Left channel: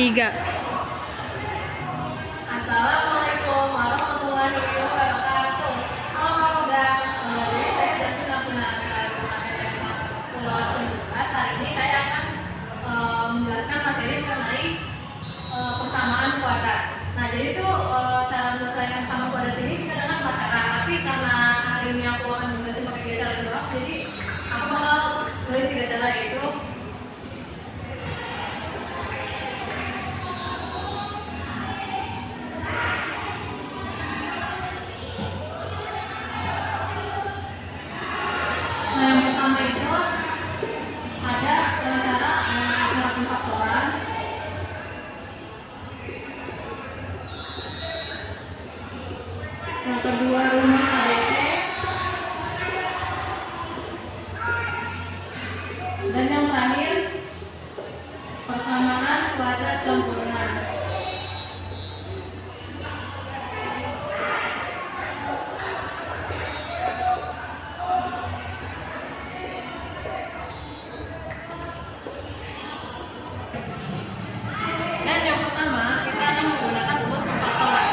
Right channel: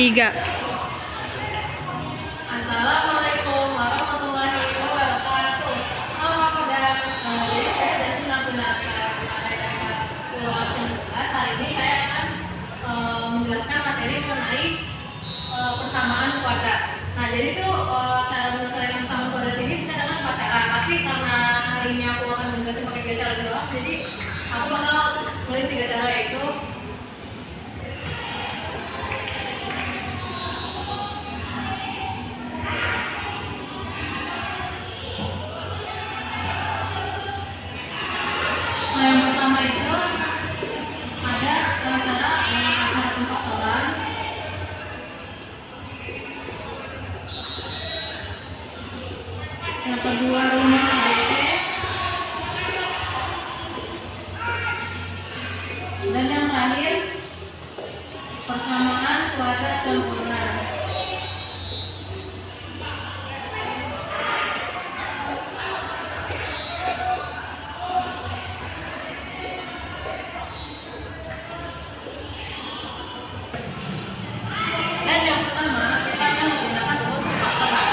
3. Assalamualaikum warahmatullahi wabarakatuh. Halo Pak Kodam. Jadi saya Jasmine Abdinata dari kelas 10 absen 12. Hari ini saya akan menjelaskan materi mengenai persamaan kuadrat. Nah, jadi itu cara menyelesaikan persamaan kuadrat ini bisa dengan 4 cara. Tapi karena hari ini aku akan menjelaskan pakai 3 cara doang, jadi aku bakal tulis 3 cara, yaitu yang pertama itu ada cara pemfaktoran. Yang kedua rumus ABC. Dan yang terakhir persamaan kuadrat sempurna. Dan yang pertama kita akan menggunakan rumus pemfaktoran.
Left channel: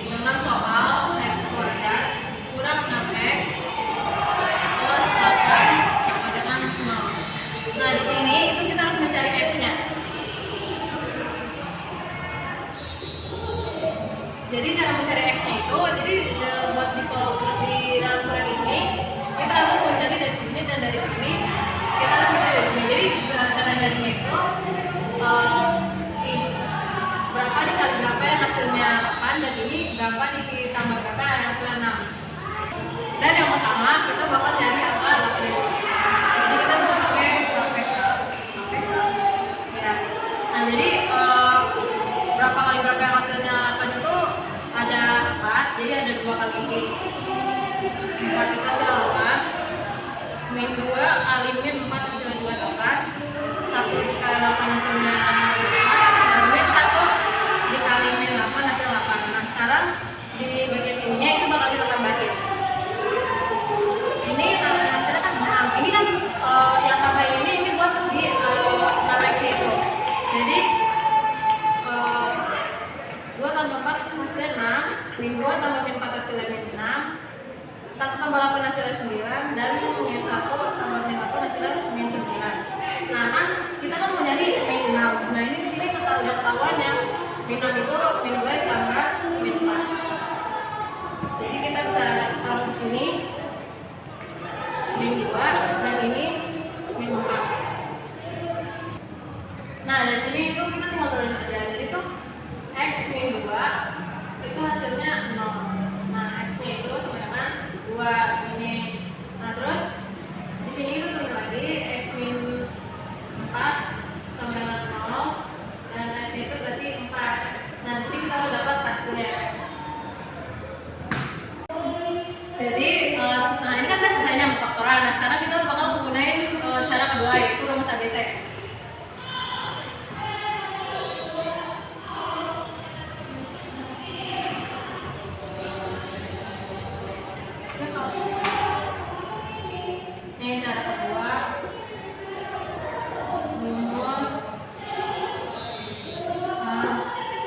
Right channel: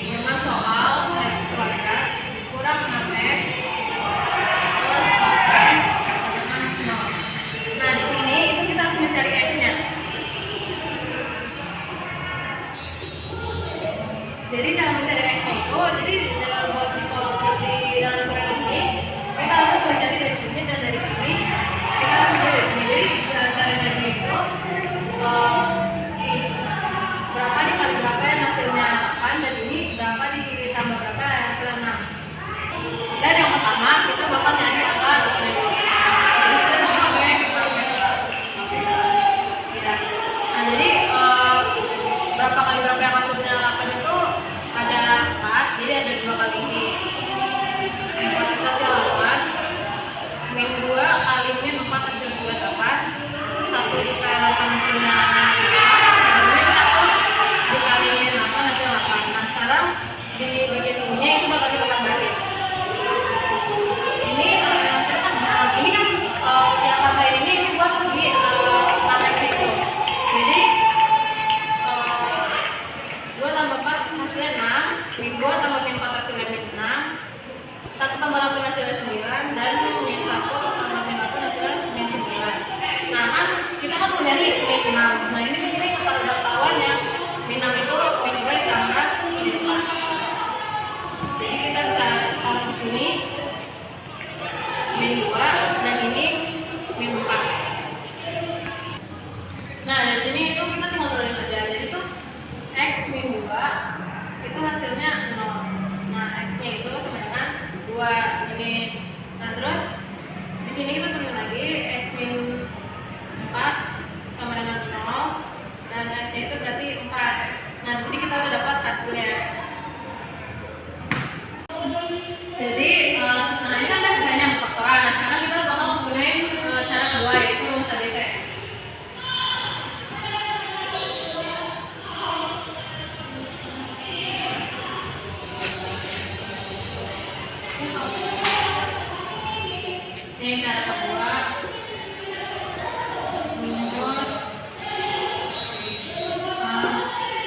Dengan soal x kuadrat kurang 6x plus 8 sama dengan 0. Nah, di sini itu kita harus mencari x-nya. Jadi cara mencari x-nya itu, jadi buat di dalam proyek ini kita harus mencari dari sini dan dari sini. Kita harus mencari dari sini. Jadi cara carinya itu berapa dikali berapa yang hasilnya 8, dan ini berapa ditambah berapa yang hasilnya 6. Dan yang pertama kita bakal nyari angka 8 itu. Jadi kita bisa pakai kalkulator. Ya. Nah, jadi berapa kali berapa yang hasilnya 8 itu ada 4, jadi ada 2 kali ini. 4 itu hasil 8, min 2 kali min 4 hasil 2 dapat 1 dikali 8 hasilnya 4, dan min 1 dikali min 8 hasil 8. Nah, sekarang di bagian sininya itu bakal kita tambahin. Ini hasilnya kan 6. Ini kan yang tambahin ini buat di 6x itu. Jadi 2 tambah 4 hasilnya 6, min 2 tambah min 4 hasilnya min 6, 1 tambah 8 hasilnya 9, dan min 1 tambah min 8 hasilnya min 9. Nah, kan kita kan mau nyari min 6. Nah, ini di sini udah ketahuan yang min 6 itu min 2 ditambah min 4. Jadi kita bisa taruh di sini min 2 dan ini min 4. Nah, dari sini itu kita tinggal turunin aja. Jadi tuh x min 2 itu hasilnya 0. Nah, x-nya itu sama dengan 2 ini. Nah, terus di sini kita turunin lagi x min 4 sama dengan 0, dan x-nya itu berarti 4. Nah, di sini kita udah dapat hasilnya. Jadi, nah ini kan udah selesainya pemfaktoran. Nah, sekarang kita bakal menggunakan cara kedua, yaitu rumus ABC. Ini cara kedua, rumus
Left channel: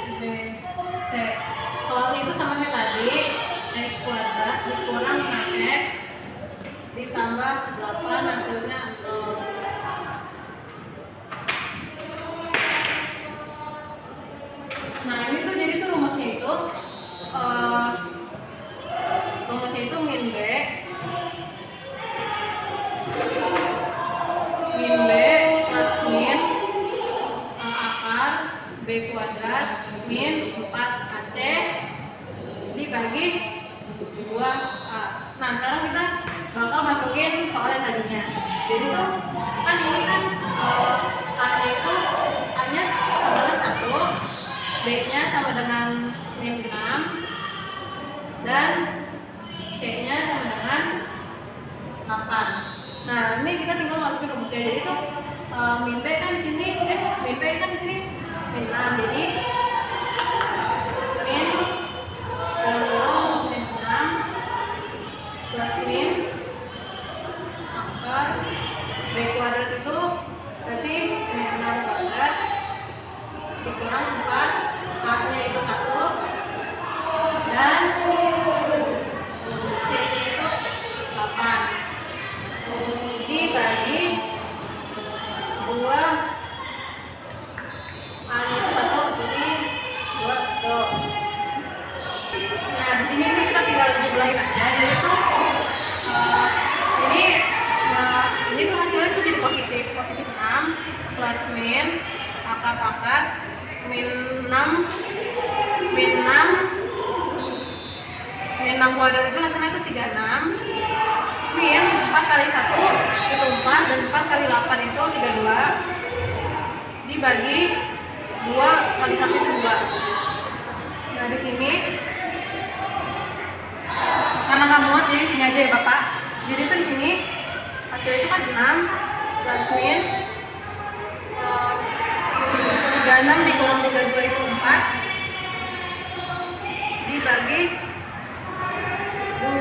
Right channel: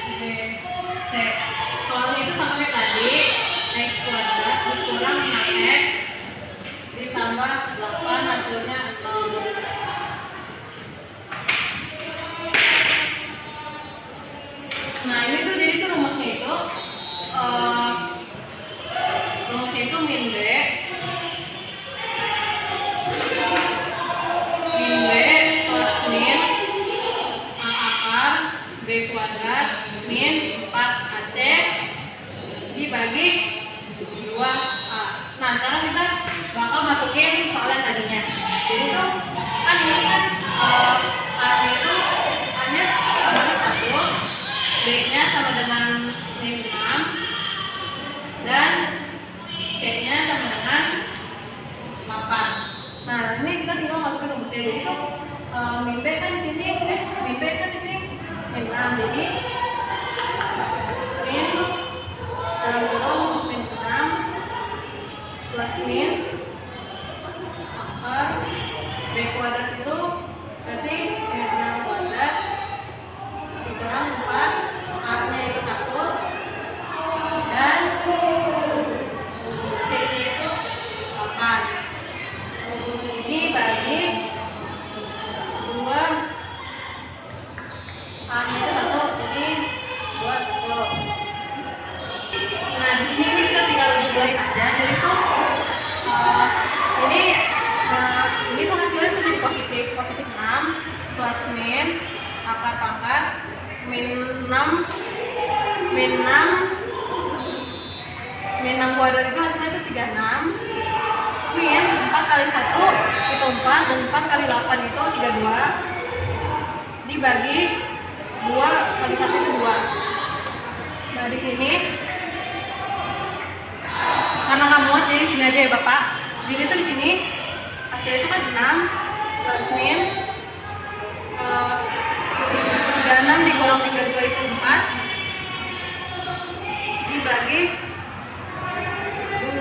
ABC. Soalnya itu sama kayak tadi, x kuadrat dikurang 6x ditambah 8 hasilnya 0. Nah, ini tuh jadi tuh rumusnya itu min b plus min akar b kuadrat min 4ac dibagi 2a. Nah, sekarang kita bakal masukin soal yang tadinya. Jadi tuh kan ini kan a-nya itu a-nya sama dengan 1, b-nya sama dengan min 6, dan c-nya sama dengan 8. Nah, ini kita tinggal masukin rumusnya. Jadi tuh min b kan di sini min 6. Jadi min dalam kurung min 6 plus di sini ini kita tinggal jumlahin aja. Jadi tuh ini ini tuh hasilnya tuh jadi positif 6 plus min akar pangkat min 6 kuadrat itu hasilnya itu 36 min 4 kali 1 itu 4 dan 4 kali 8 itu 32 dibagi 2 kali 1 itu 2. Nah di sini karena nggak muat jadi sini aja ya Bapak. Jadi tuh di sini hasilnya itu kan 6 plus min 36 dikurang 32 itu 4 dibagi 2.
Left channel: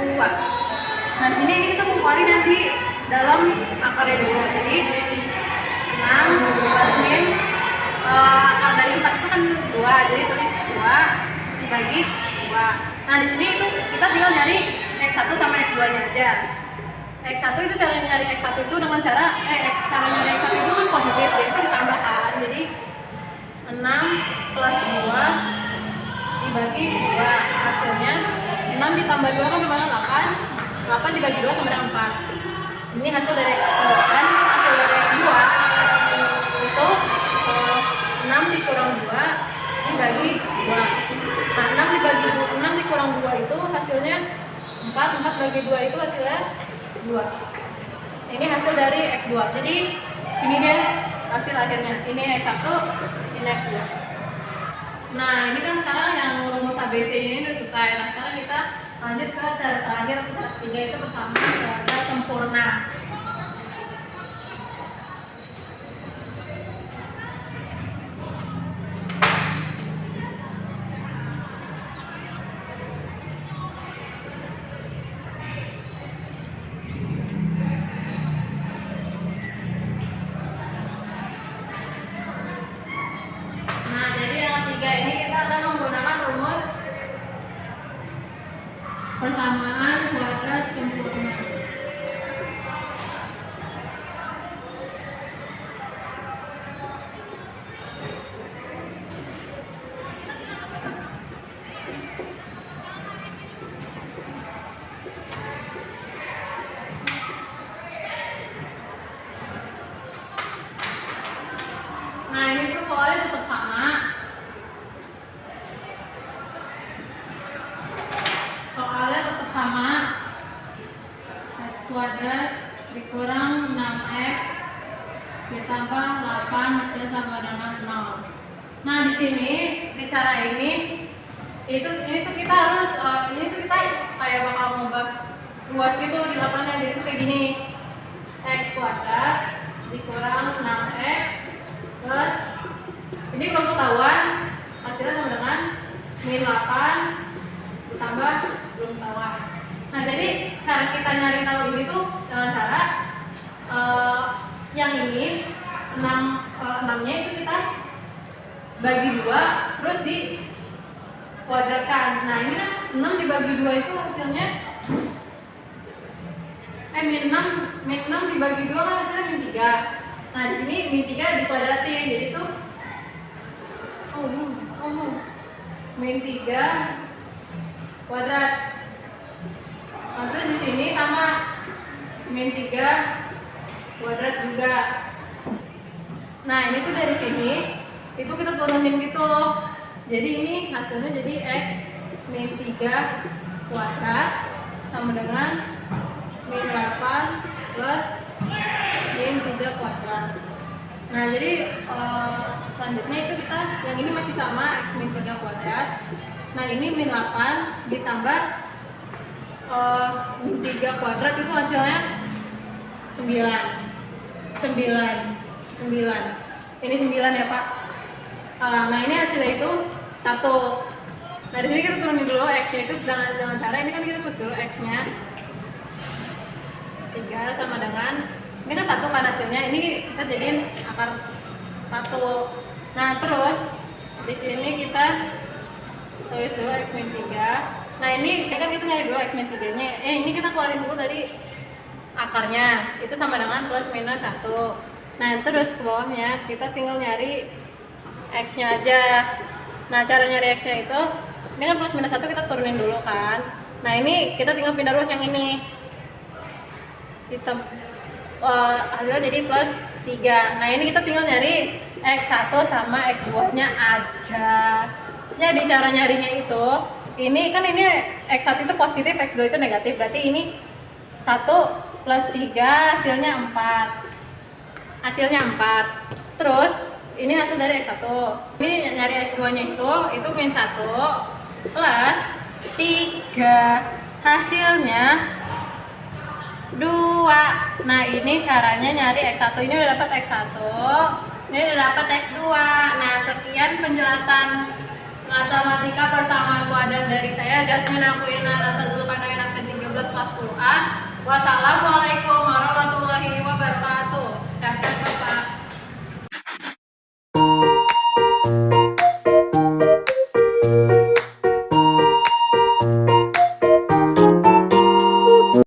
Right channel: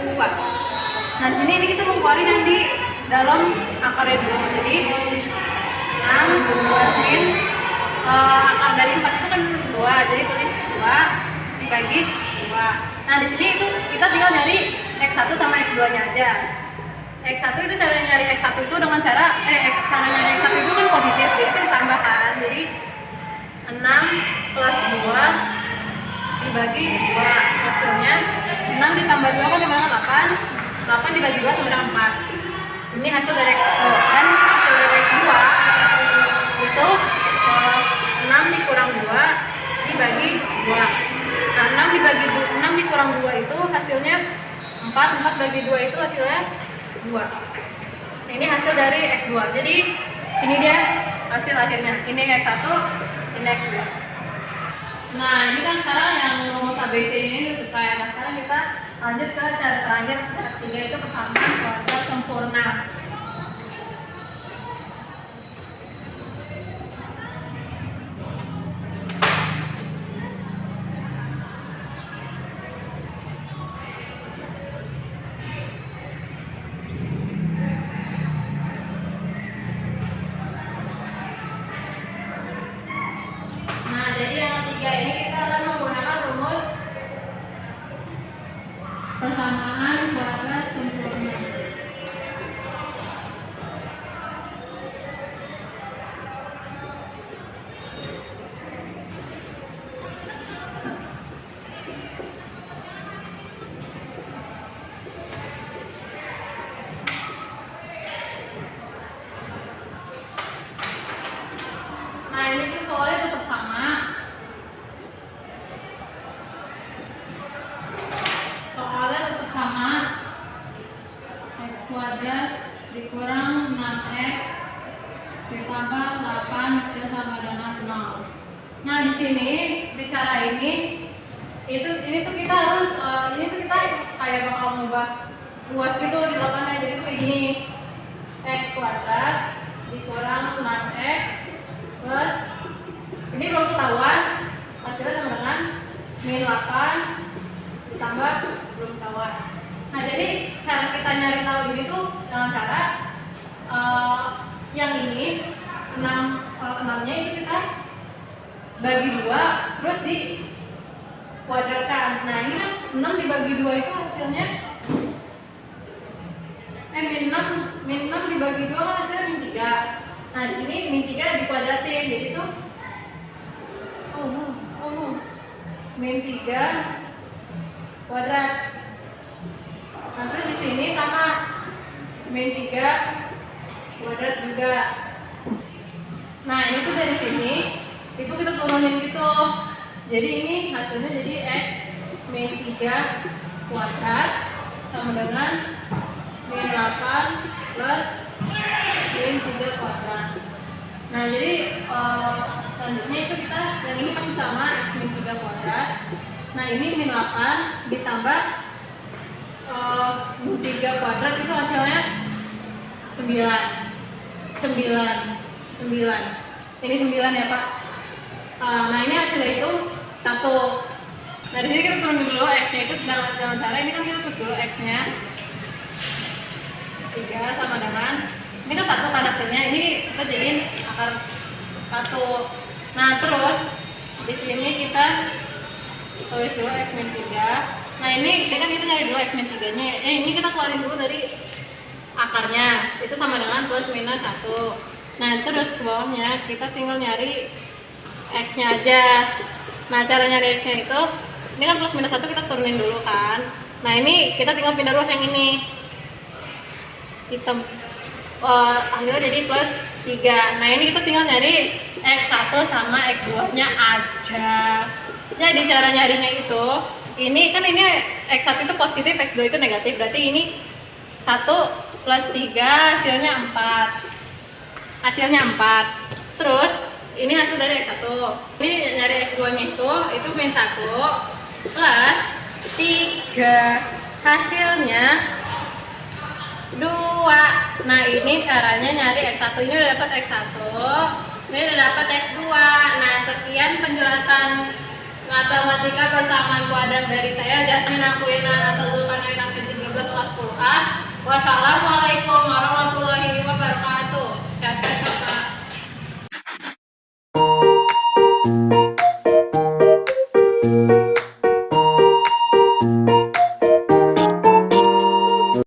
Nah di sini ini kita mau keluarin yang di dalam akarnya dulu. Jadi 6 plus min akar dari 4 itu kan 2, jadi tulis 2 dibagi 2. Nah di sini itu kita tinggal nyari x1 sama x2 nya aja. X1 itu cara nyari x1 itu dengan cara nyari x1 itu kan positif, jadi itu ditambahkan. Jadi 6 plus 2 dibagi 2 hasilnya 6 ditambah 2 kan gimana? 8 dibagi 2 sama dengan 4. Ini hasil dari x1 dan hasil dari x2 itu 6 dikurang 2 dibagi 2. Nah 6 dikurang 2 itu hasilnya 4 bagi 2 itu hasilnya 2. Nah, ini hasil dari x2. Jadi ini dia hasil akhirnya. Ini x1, ini x2. Nah ini kan sekarang yang rumus ABC ini udah selesai. Nah sekarang kita lanjut ke cara terakhir, cara ketiga itu persamaan kuadrat sempurna. Nah jadi yang ketiga ini kita akan menggunakan rumus persamaan kuadrat sempurna. Nah ini tuh soalnya tetap sama. Soalnya tetap sama. X kuadrat dikurang 6x ditambah 8 hasilnya sama dengan 0. Nah di sini di cara ini tuh kita harus ini tuh kita kayak bakal ngubah luas gitu di lapangan. Jadi tuh kayak gini, x kuadrat dikurang 6x plus ini belum ketahuan hasilnya sama dengan min 8 ditambah belum ketahuan. Nah jadi cara kita nyari tahu ini tuh dengan cara yang ini 6-nya itu kita bagi 2 terus di kuadratkan. Nah ini kan 6 dibagi 2 itu hasilnya min 6 dibagi 2 kan hasilnya min 3. Nah di sini min 3 dikuadratin, jadi tuh min 3 kuadrat. Nah terus di sini sama min 3 kuadrat juga. Nah ini tuh dari sini itu kita turunin gitu. Jadi ini hasilnya jadi x min 3 kuadrat sama dengan min 8 plus min 3 kuadrat. Nah jadi selanjutnya itu kita yang ini masih sama x min 3 kuadrat. Nah ini min 8 ditambah min 3 kuadrat itu hasilnya 9. Ini 9 ya Pak. Nah ini hasilnya itu 1. Nah di sini kita turunin dulu x-nya itu dengan cara ini kan kita tulis dulu x-nya 3 sama dengan ini kan 1 kan hasilnya, ini kita jadiin akar 1. Nah terus di sini kita tulis dulu x min 3. Nah ini kan kita nyari dulu x min 3 nya. Ini kita keluarin dulu dari akarnya, itu sama dengan plus minus 1. Nah terus ke bawahnya kita tinggal nyari x nya aja. Nah cara nyari x nya itu Ini kan plus minus 1 kita turunin dulu kan. Nah ini kita tinggal pindah ruas yang ini. Hitam. Hasilnya jadi plus 3. Nah ini kita tinggal nyari X1 sama X2 nya aja. Jadi cara nyarinya itu, ini kan ini X1 itu positif, X2 itu negatif. Berarti ini 1 plus 3 hasilnya 4. Hasilnya 4. Terus ini hasil dari X1. Ini nyari X2 nya itu min 1 plus 3 hasilnya 2. Nah ini caranya nyari X1. Ini udah dapat X1, ini udah dapat X2. Nah sekian penjelasan matematika persamaan kuadrat dari saya, Jasmine Aquina Natal Zulkarnain, absen 13 kelas 10A. Wassalamualaikum warahmatullahi